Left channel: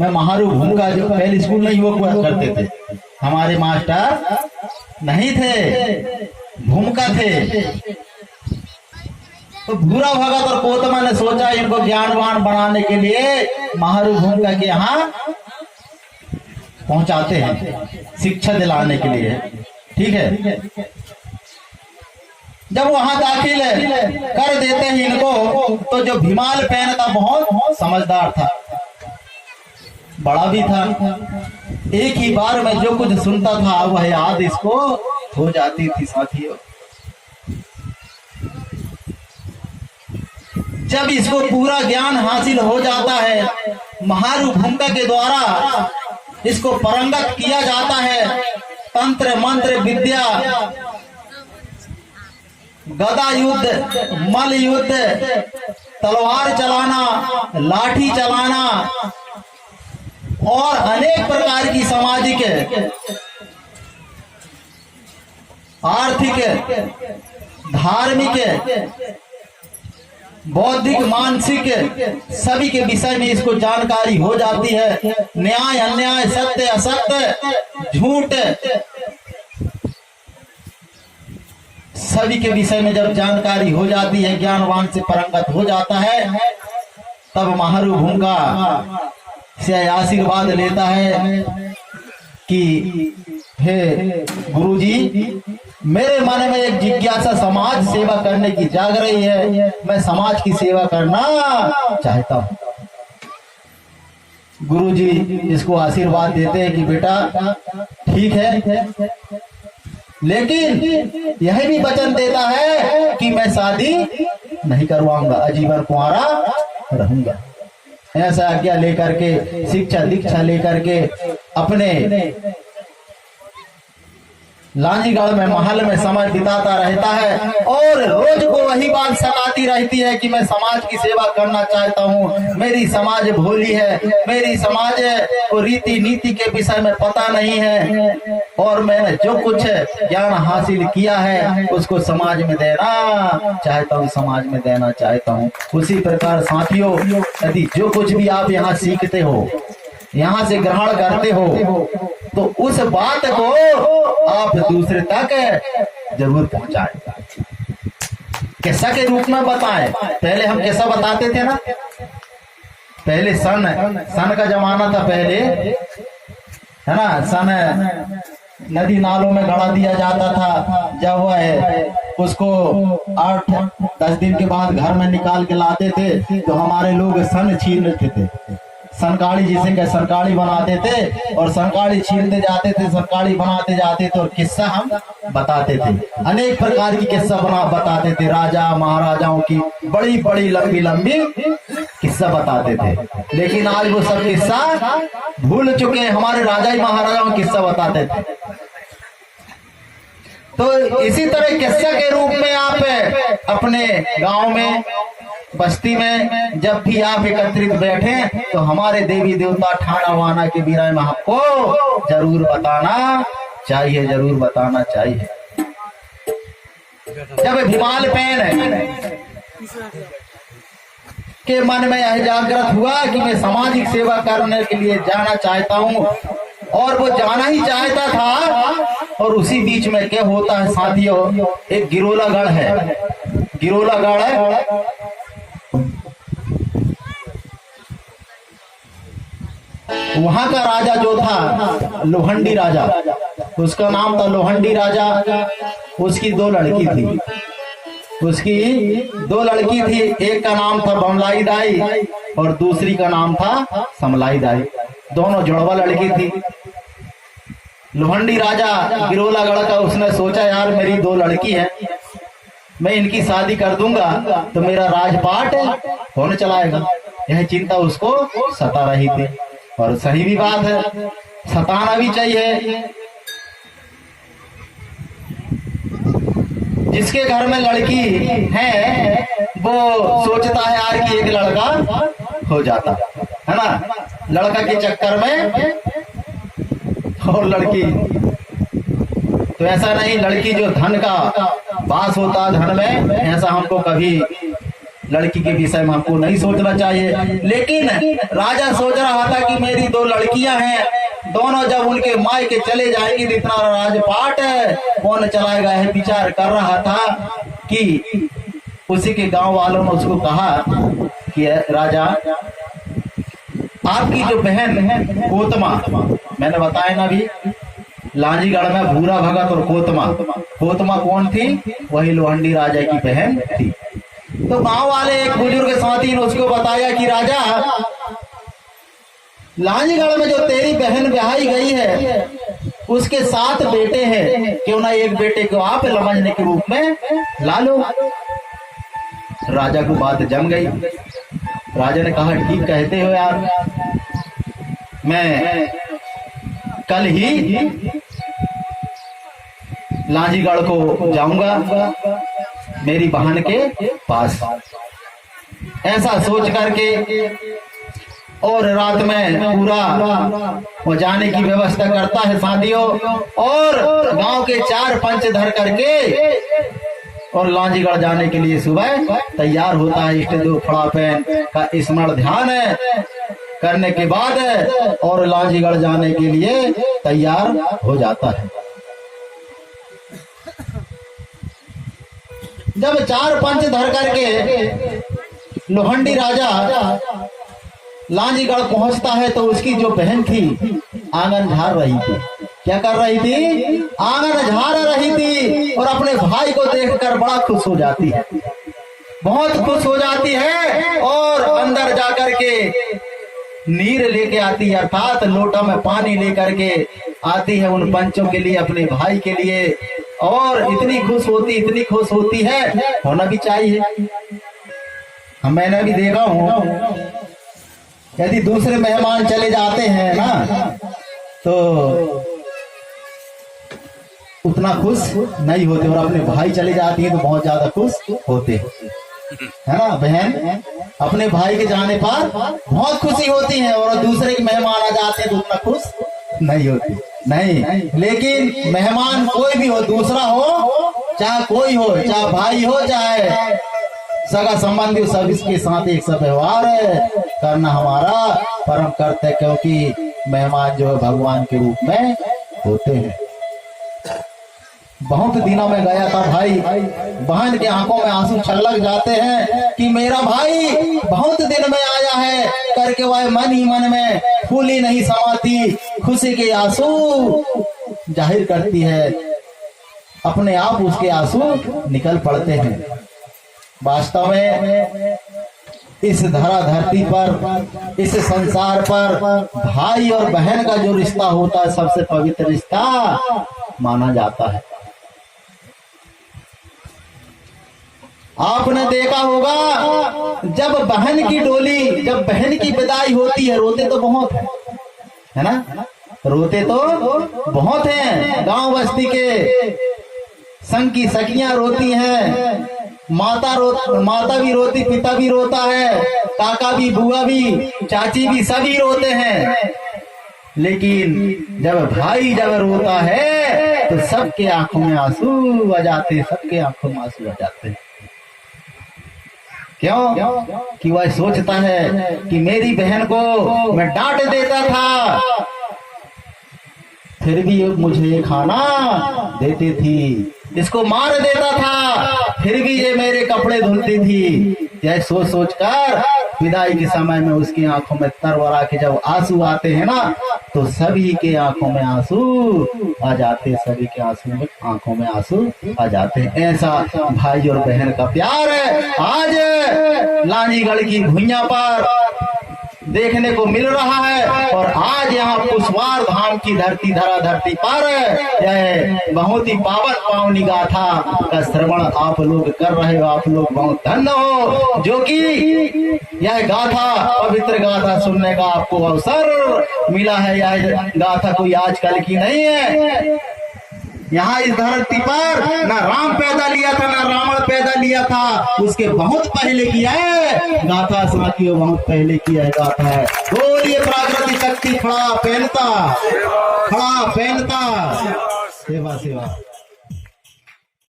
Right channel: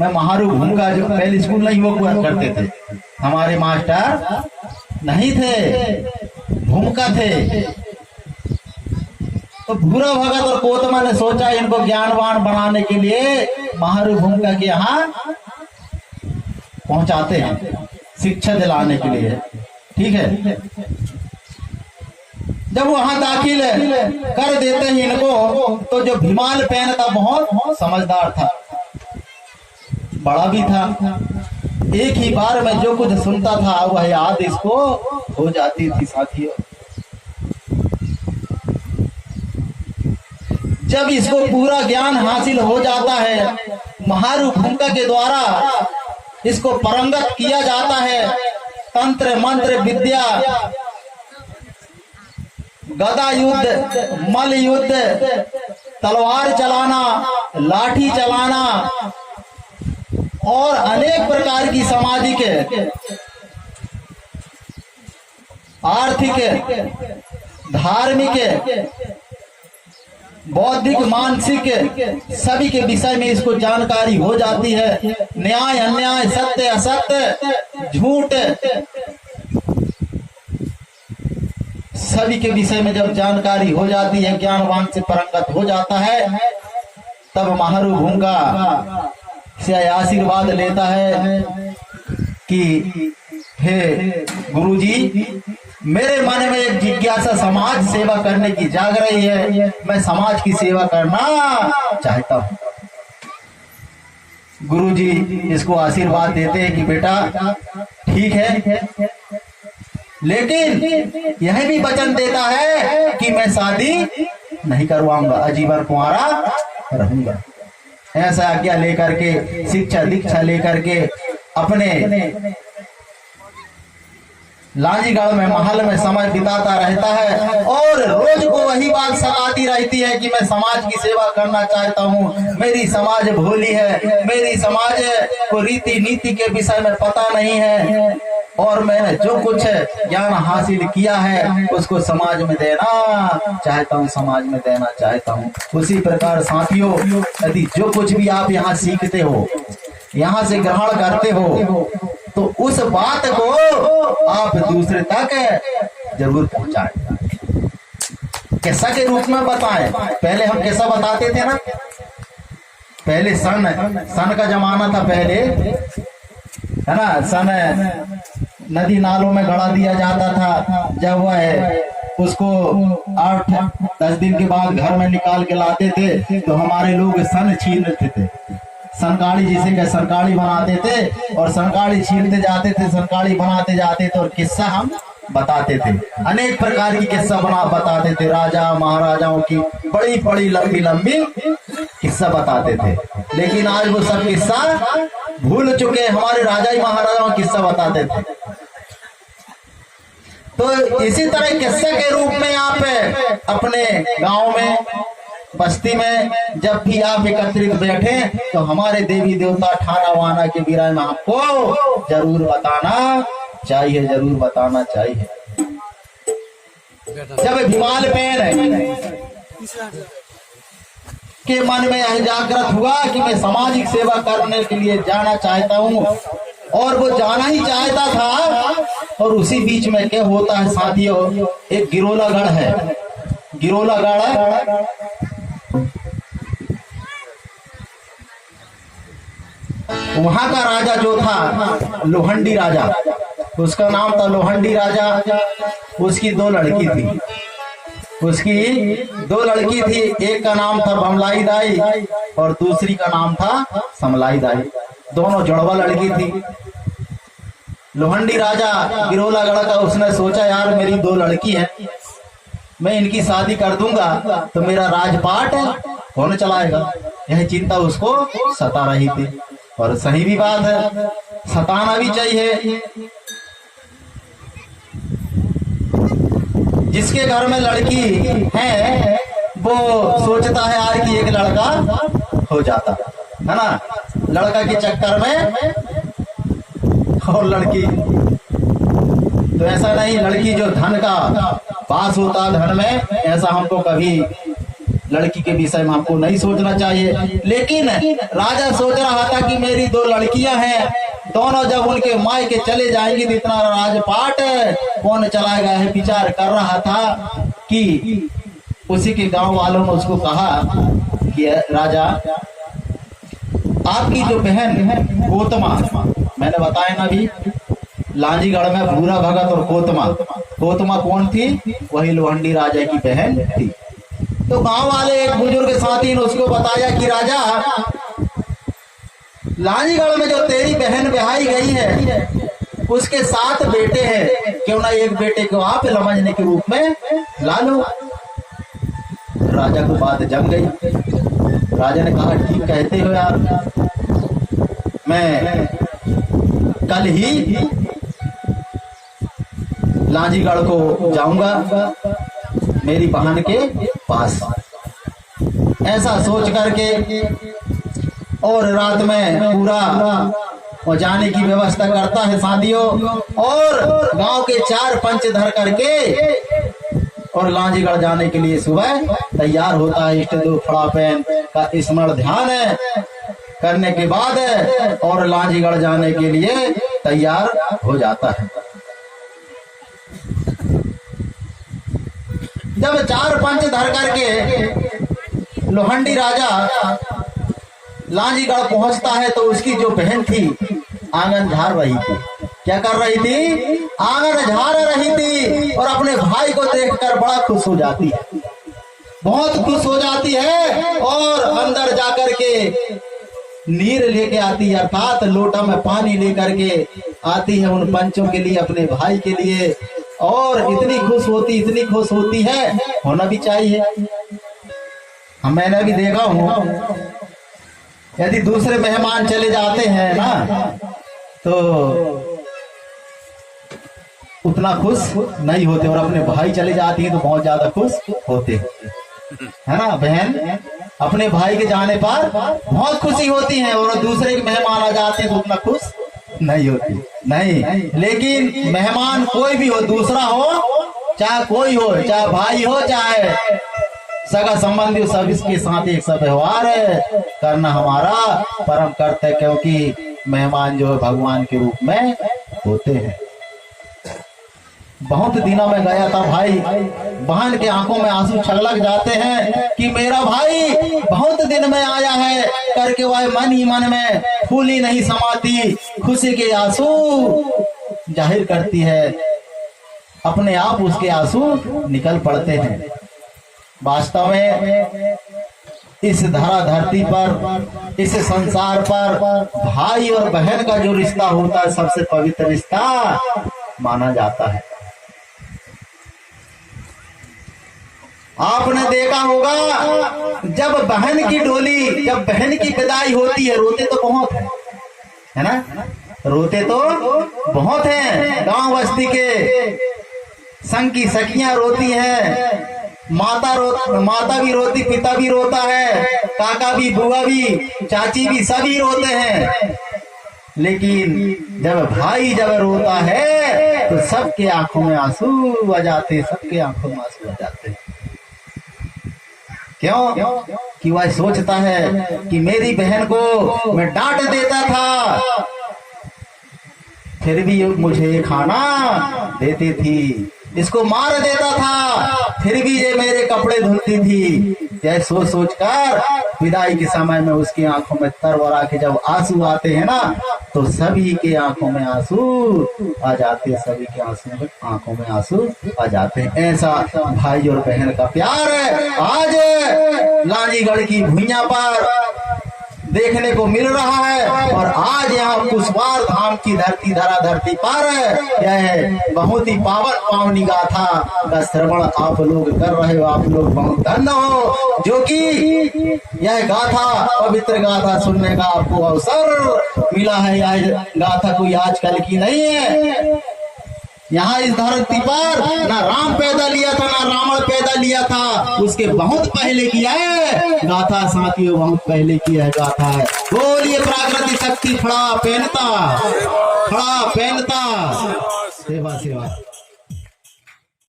मैं महारू भूंगा, जो पहले स्कूल नहीं वो करते थे, हमारे मास्टर नहीं थे, भूमका थे। तो भूरा भगत और कोतमा ने सोचा इनको ज्ञानवान बनाने के लिए महारू भूमका के यहाँ पहुंचाते हैं, शिक्षा दिलाने के लिए। ठीक है, जब वहां दाखिल कर देते हैं इनको, तो जो भीमाल पेन था बहुत समझदार था, बड़ा भी था। एक ही बार में जो कुछ सुनता था वह याद इसको हो जाती थी साथियों। जब इसको पूरा ज्ञान हासिल हो जाता है, महारू भूमका के द्वारा इसको पारंगत किया जाता है। तंत्र मंत्र विद्या, गदा युद्ध, मल युद्ध, तलवार चलाना, लाठी चलाना और अनेक प्रकार की सामाजिक, आर्थिक, धार्मिक, बौद्धिक, मानसिक सभी के विषय में इसको जानकारी हो जाती है। न्याय अन्याय, सत्य असत्य, झूठ, सभी के विषय में जब जानकारी हो जाती है, ज्ञानवान से पारंगत हो जाता है, तब महारू भूंगा से आशीर्वाद लेता है कि हे गुरुजी, मेरे मन में एक जिज्ञासा समाज सेवा करने की जाग रही है, मैं समाज की सेवा करना चाहता हूँ। गुरुजी इसको आशीर्वाद देते हैं कि बेटा ठीक है, लेकिन यह भी वचन देता है कि मैं शादी नहीं करवाऊंगा, आजीवन कुंवारा रहूंगा। ऐसा आज्ञा लेकर के, शिक्षा दीक्षा लेकर के अपने लांजीगढ़ में महल में समय बिताता रहता है और रोज को वही बात सताती रहती है कि मैं समाज की सेवा करना चाहता हूँ, मेरी समाज भोली है, मेरी समाज को रीति नीति के विषय में पता नहीं है और मैंने जो कुछ ज्ञान हासिल किया है उसको समाज में देना चाहता हूँ, समाज में देना चाहता हूँ। उसी प्रकार साथियों, यदि जो कुछ भी आप यहाँ सीखते हो, यहाँ से ग्रहण करते हो, तो उस बात को आप दूसरे तक जरूर पहुंचाएं, किस्सा के रूप में बताएं। पहले हम किस्सा बताते थे ना, पहले सन का जमाना था पहले, है ना। सन नदी नालों में गड़ा दिया जाता था, जब वह उसको 8-10 दिन के बाद घर में निकाल के लाते थे तो हमारे लोग सन छीनते थे, सनकाड़ी जिसे कह सनकाड़ी बनाते थे और सनकाड़ी छीनते जाते थे, सनकाड़ी बनाते जाते थे और किस्सा हम बताते थे। अनेक प्रकार की किस्सा बताते थे, राजा महाराजाओं की बड़ी बड़ी लंबी लंबी किस्सा बताते थे। लेकिन आज वो सब किस्सा भूल चुके, हमारे राजा महाराजाओं किस्सा बताते थे। तो इसी तरह किस्सा के रूप में आप अपने गांव में, बस्ती में जब भी आप एकत्रित बैठे तो हमारे देवी देवता ठाना वाना के विषय में आपको जरूर बताना चाहिए, जरूर बताना चाहिए। जब भीमाल पेन के मन में यह जागृत हुआ कि मैं सामाजिक सेवा करने के लिए जाना चाहता हूँ, और वो जाना ही चाहता था, और उसी बीच में क्या होता है साथियों, एक गिरोलागढ़ है, गिरोलागढ़ है, वहां का राजा जो था लोहंडी राजा, उसका नाम था लोहंडी राजा। उसकी 2 लड़की थी, उसकी 2 लड़की थी, एक का नाम था बमलाई दाई और दूसरी का नाम था समलाई दाई, दोनों जुड़वा लड़की थी। लोहंडी राजा गिरोलागढ़ का उसने सोचा यार मेरी 2 लड़की है, मैं इनकी शादी कर दूंगा तो मेरा राजपाट कौन चलाएगा, यह चिंता उसको सता रही थी। और सही भी बात है, सताना भी चाहिए। जिसके घर में लड़की है वो सोचता है यार कि एक लड़का हो जाता है ना, लड़का के चक्कर में और लड़की, तो ऐसा नहीं, लड़की जो धन का वास होता है धन में, ऐसा हमको कभी लड़की के विषय में हमको नहीं सोचना चाहिए। लेकिन राजा सोच रहा था कि मेरी 2 लड़कियां हैं, दोनों जब उनके माई के चले जाएंगे तो इतना राजपाट कौन चलाएगा, है विचार कर रहा था कि उसी के गांव वालों ने उसको कहा कि राजा, आपकी जो बहन है कोतमा, मैंने बताया ना अभी लांजीगढ़ में भूरा भगत और कोतमा कौन थी? वही लोहंडी राजा की बहन थी। तो गांव वाले एक बुजुर्ग साथी ने उसको बताया कि राजा, लांजीगढ़ में जो तेरी बहन ब्याही गई है उसके 7 बेटे हैं, क्यों ना एक बेटे को आप लमजने के रूप में ला लो। राजा को बात जम गई। राजा ने कहा ठीक कहते हो यार, मैं कल ही लांजीगढ़ को जाऊंगा मेरी बहन के पास। ऐसा सोच करके और रात में पूरा वो जाने की व्यवस्था करता है साथियों, और गांव के 4 पंच धर करके और लांजीगढ़ जाने के लिए सुबह तैयार होता है। इष्ट देव फड़ा पहन का स्मरण ध्यान करने के बाद और लांजीगढ़ जाने के लिए तैयार हो जाता है। जब 4 पंच धर करके लोहंडी राजा लांजीगढ़ पहुंचता है तो उसकी जो बहन थी आंगन झाड़ रही थी। क्या कर रही थी? आंगन झाड़ रही थी और अपने भाई को देखकर बड़ा खुश हो जाती है, बहुत खुश हो जाती है और अंदर जाकर के नीर लेके आती है, अर्थात लोटा में पानी लेकर के आती है उन पंचों के लिए, अपने भाई के लिए। और इतनी खुश होती है, होना भी चाहिए। मैंने भी देखा हूँ, यदि दूसरे मेहमान चले जाते हैं ना तो उतना खुश नहीं होते, और अपने भाई चले जाती हैं तो बहुत ज्यादा खुश होते है ना। बहन अपने भाई के जाने पर बहुत खुशी होती है, और दूसरे के मेहमान आ जाते हैं तो उतना खुश नहीं होती। नहीं, लेकिन मेहमान कोई भी हो, दूसरा हो चाहे कोई हो, चाहे भाई हो चाहे सगा संबंधी हो, सब इसके साथ एक सा व्यवहार करना हमारा परम कर्तव्य है, क्योंकि मेहमान जो है भगवान के रूप में होते हैं। बहुत दिनों में गया था भाई, बहन के आंखों में आंसू छलक जाते हैं कि मेरा भाई बहुत दिन में आया है करके वह मन ही मन में फूली नहीं समाती खुशी के आंसू जाहिर करती है, अपने आप उसके आंसू निकल पड़ते हैं। वास्तव में इस धरा धरती पर, इस संसार पर भाई और बहन का जो रिश्ता होता है सबसे पवित्र रिश्ता माना जाता है। आपने देखा होगा जब बहन की डोली, जब बहन की विदाई होती है, रोते तो बहुत है ना, रोते तो बहुत हैं। गांव बस्ती के संग की सखियां रोती हैं, माता भी रोती, पिता भी रोता है, काका भी, बुआ भी, चाची भी, सभी रोते हैं। लेकिन जब भाई जब रोता है तो सबके आंखों में आंसू आ जाते, सबके आंखों में आंसू आ जाते। क्यों? कि वह सोचता है कि मेरी बहन को मैं डांट देता था फिर भी मुझे खाना देती थी, इसको मार देता था फिर भी ये मेरे कपड़े धुलती थी। यह सोच सोच कर विदाई के समय में उसकी आंखों में तरवरा के जब आंसू आते हैं ना तो सभी के आंखों में आंसू आ जाते, सभी के आंखों में आंसू आ जाते हैं। ऐसा भाई और बहन का प्यार है आज लांजीगढ़ की भुइयां पर देखने को मिल रहा है। और आज यहाँ पुष्पार धाम की धरती, धरा धरती पर यह बहुत ही पावनी गाथा का श्रवण आप लोग कर रहे हो। आप लोग बहुत धन्य हो जो कि यह गाथा, पवित्र गाथा सुनने का आपको अवसर मिला है। यह गाथा कोई आजकल की नहीं है। यहाँ इस धरती पर ना राम पैदा लिया था ना रावण पैदा लिया था, उसके बहुत पहले किया है गाथा साथियों, बहुत पहले किया है गाथा है। बोलिए प्राकृतिक शक्ति खड़ा पहनता, खड़ा पहनता, सेवा सेवा।